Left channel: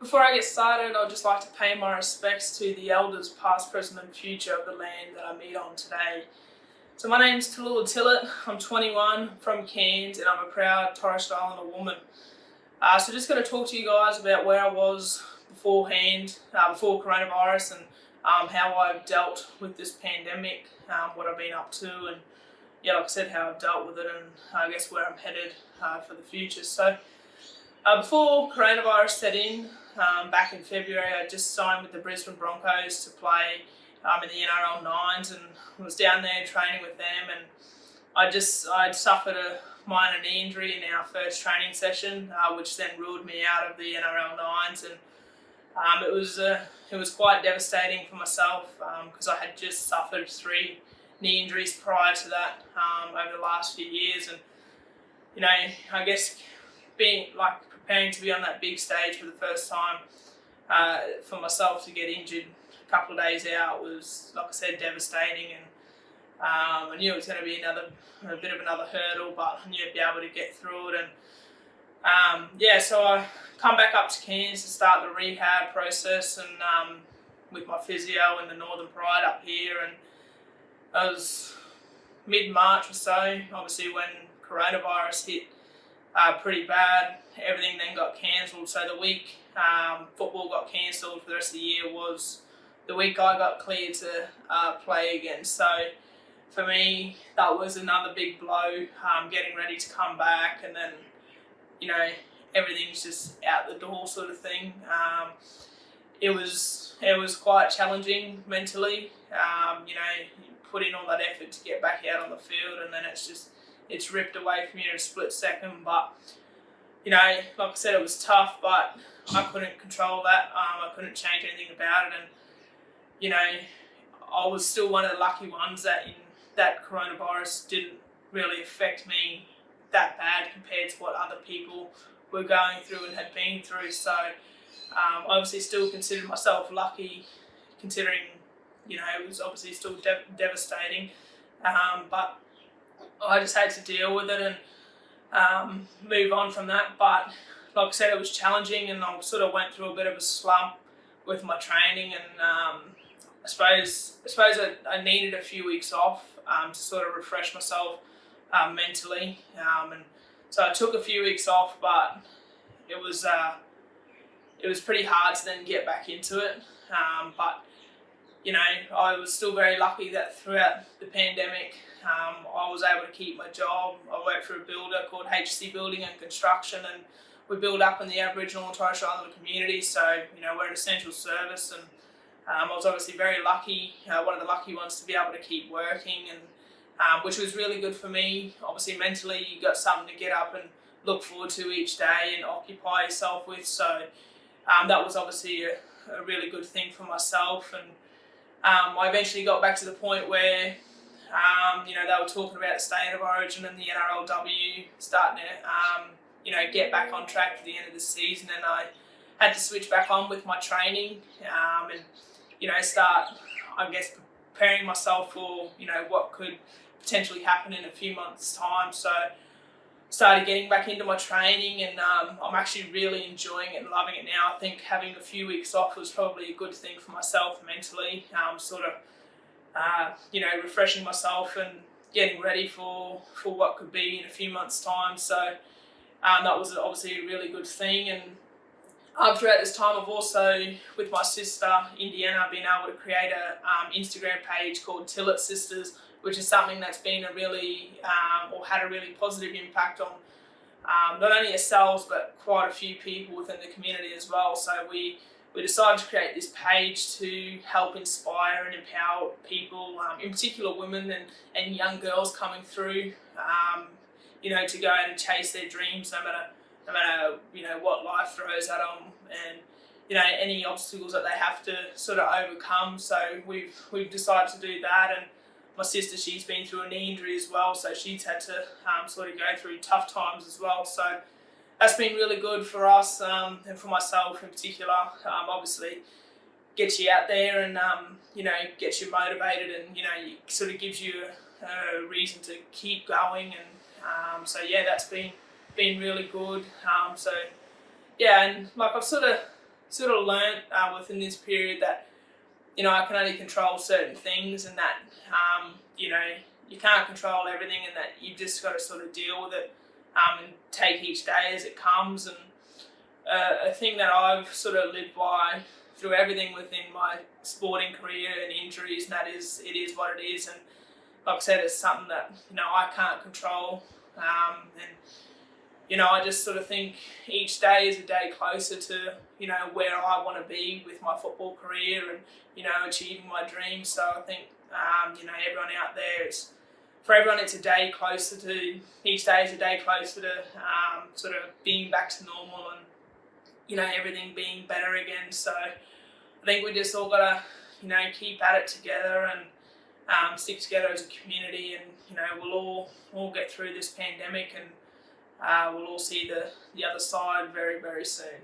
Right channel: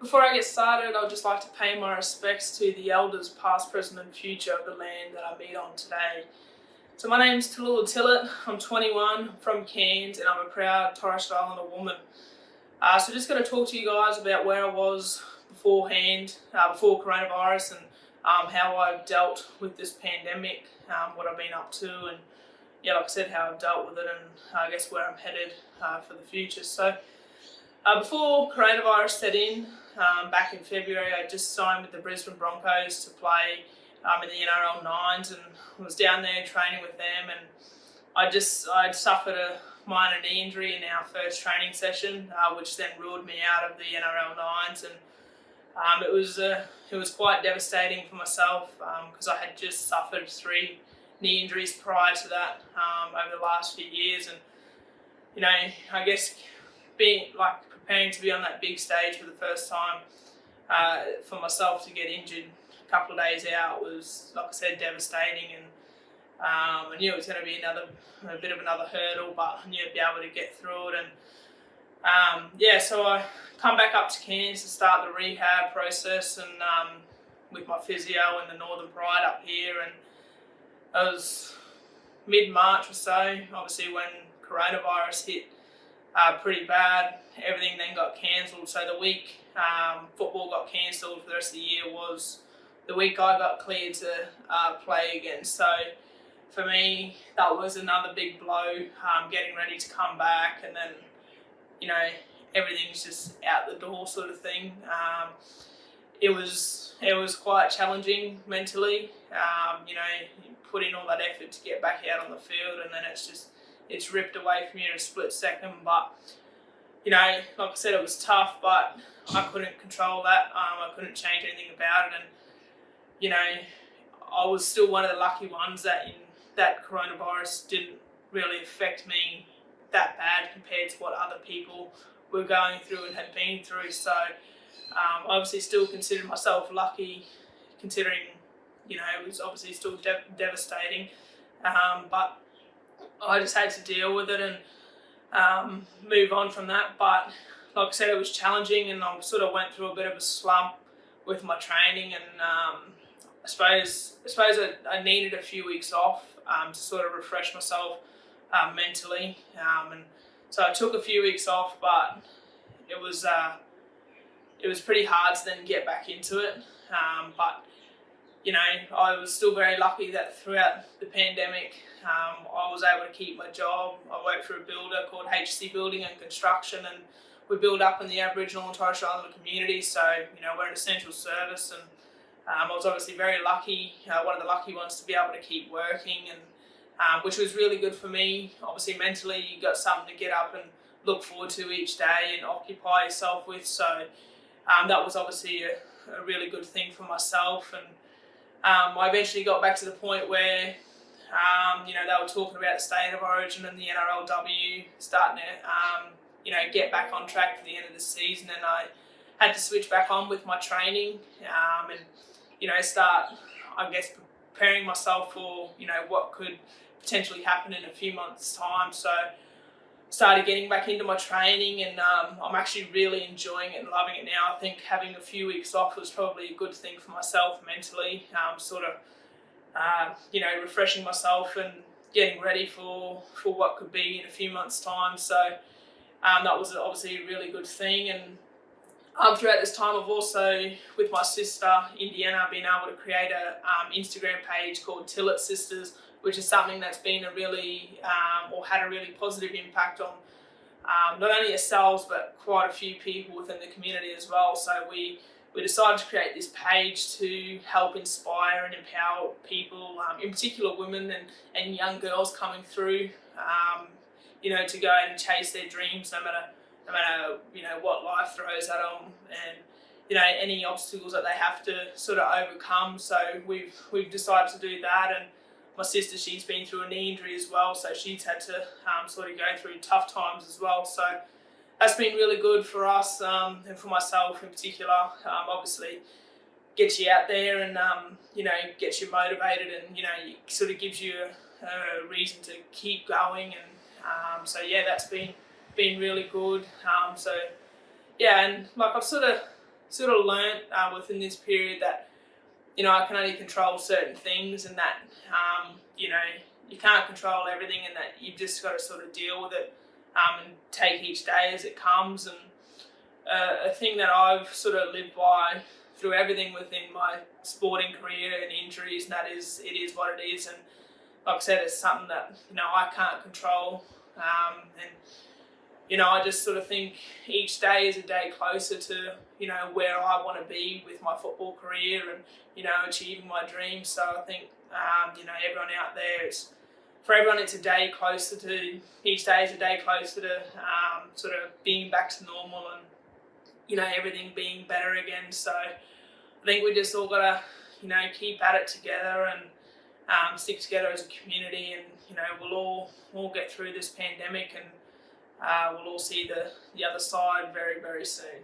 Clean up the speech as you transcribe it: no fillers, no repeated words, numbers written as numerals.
Before I get started, I'd just like to pay my respects to the elders past, present and future of the land that I meet on today. So my name's Tahlulah Tillett, I'm 21, from Cairns, and I'm a proud Torres Strait Islander woman. So just going to talk to you guys about where I was beforehand, before coronavirus, and how I've dealt with this pandemic, what I've been up to, and yeah, like I said, how I've dealt with it, and I guess where I'm headed for the future. So before coronavirus set in, back in February, I just signed with the Brisbane Broncos to play in the NRL Nines, and was down there training with them, and I'd suffered a minor knee injury in our first training session, which then ruled me out of the NRL Nines, and it was quite devastating for myself because I had just suffered 3 knee injuries prior to that over the last few years, and you know, I guess preparing to be on that big stage for the first time for myself to get injured a couple of days out was, like I said, devastating, and I knew it was going to be a bit of another hurdle, but I knew I'd be able to get through it. And so I come back up to Cairns to start the rehab process, and with my physio in the Northern Pride up here, and it was mid-March or so, obviously when coronavirus hit pretty bad. Everything then got cancelled, so the week football got cancelled for the rest of the year was the week I got cleared to play again. So for me, that was another big blow, getting ready to come back, and then, you know, everything's just out the door sort of thing. It was quite challenging mentally, you know, you put in all that effort to get back out on the field, and then it's ripped away from you in a split second. But, you know, like I said, it was tough, but I couldn't control that. I couldn't change anything about it, and, you know, I was still one of the lucky ones that coronavirus didn't really affect me that bad compared to what other people were going through and had been through. So I obviously still consider myself lucky, considering, you know, it was obviously still devastating, but I just had to deal with it and move on from that. But like I said, it was challenging, and I sort of went through a bit of a slump with my training, and I suppose I needed a few weeks off to sort of refresh myself mentally, and so I took a few weeks off, but it was pretty hard to then get back into it. But you know, I was still very lucky that throughout the pandemic, I was able to keep my job. I worked for a builder called HC Building and Construction, and we build up in the Aboriginal and Torres Strait Islander community. So, you know, we're an essential service, and I was obviously very lucky, one of the lucky ones, to be able to keep working, and which was really good for me. Obviously, mentally, you got something to get up and look forward to each day and occupy yourself with. So that was obviously a really good thing for myself. And I eventually got back to the point where, you know, they were talking about the state of origin and the NRLW starting to, you know, get back on track for the end of the season, and I had to switch back on with my training, and, you know, start, I guess, preparing myself for, you know, what could potentially happen in a few months' time. So started getting back into my training, and I'm actually really enjoying it and loving it now. I think having a few weeks off was probably a good thing for myself mentally, sort of, you know, refreshing myself and getting ready for what could be in a few months' time. So that was obviously a really good thing. And throughout this time, I've also, with my sister Indiana, been able to create a Instagram page called Tillet Sisters, which is something that's been a really, or had a really positive impact on not only ourselves, but quite a few people within the community as well. So we decided to create this page to help inspire and empower people, in particular women and young girls coming through, you know, to go out and chase their dreams, no matter you know, what life throws at them, and, you know, any obstacles that they have to sort of overcome. So we've decided to do that. And my sister, she's been through a knee injury as well, so she's had to sort of go through tough times as well. So that's been really good for us, and for myself in particular. Obviously gets you out there, and you know, gets you motivated, and, you know, it sort of gives you a reason to keep going. And so yeah, that's been really good. So yeah, and like I've sort of sort of learnt within this period that, you know, I can only control certain things, and that, you know, you can't control everything, and that you've just got to sort of deal with it and take each day as it comes. And a thing that I've sort of lived by through everything within my sporting career and injuries, and that is, it is what it is. And like I said, it's something that, you know, I can't control. And, you know, I just sort of think each day is a day closer to, you know, where I want to be with my football career and, you know, achieving my dreams. So I think, you know, everyone out there, for everyone, it's a day closer to, each day is a day closer to sort of being back to normal and, you know, everything being better again. So I think we just all got to, you know, keep at it together and stick together as a community, and, you know, we'll all get through this pandemic, and we'll all see the other side very, very soon.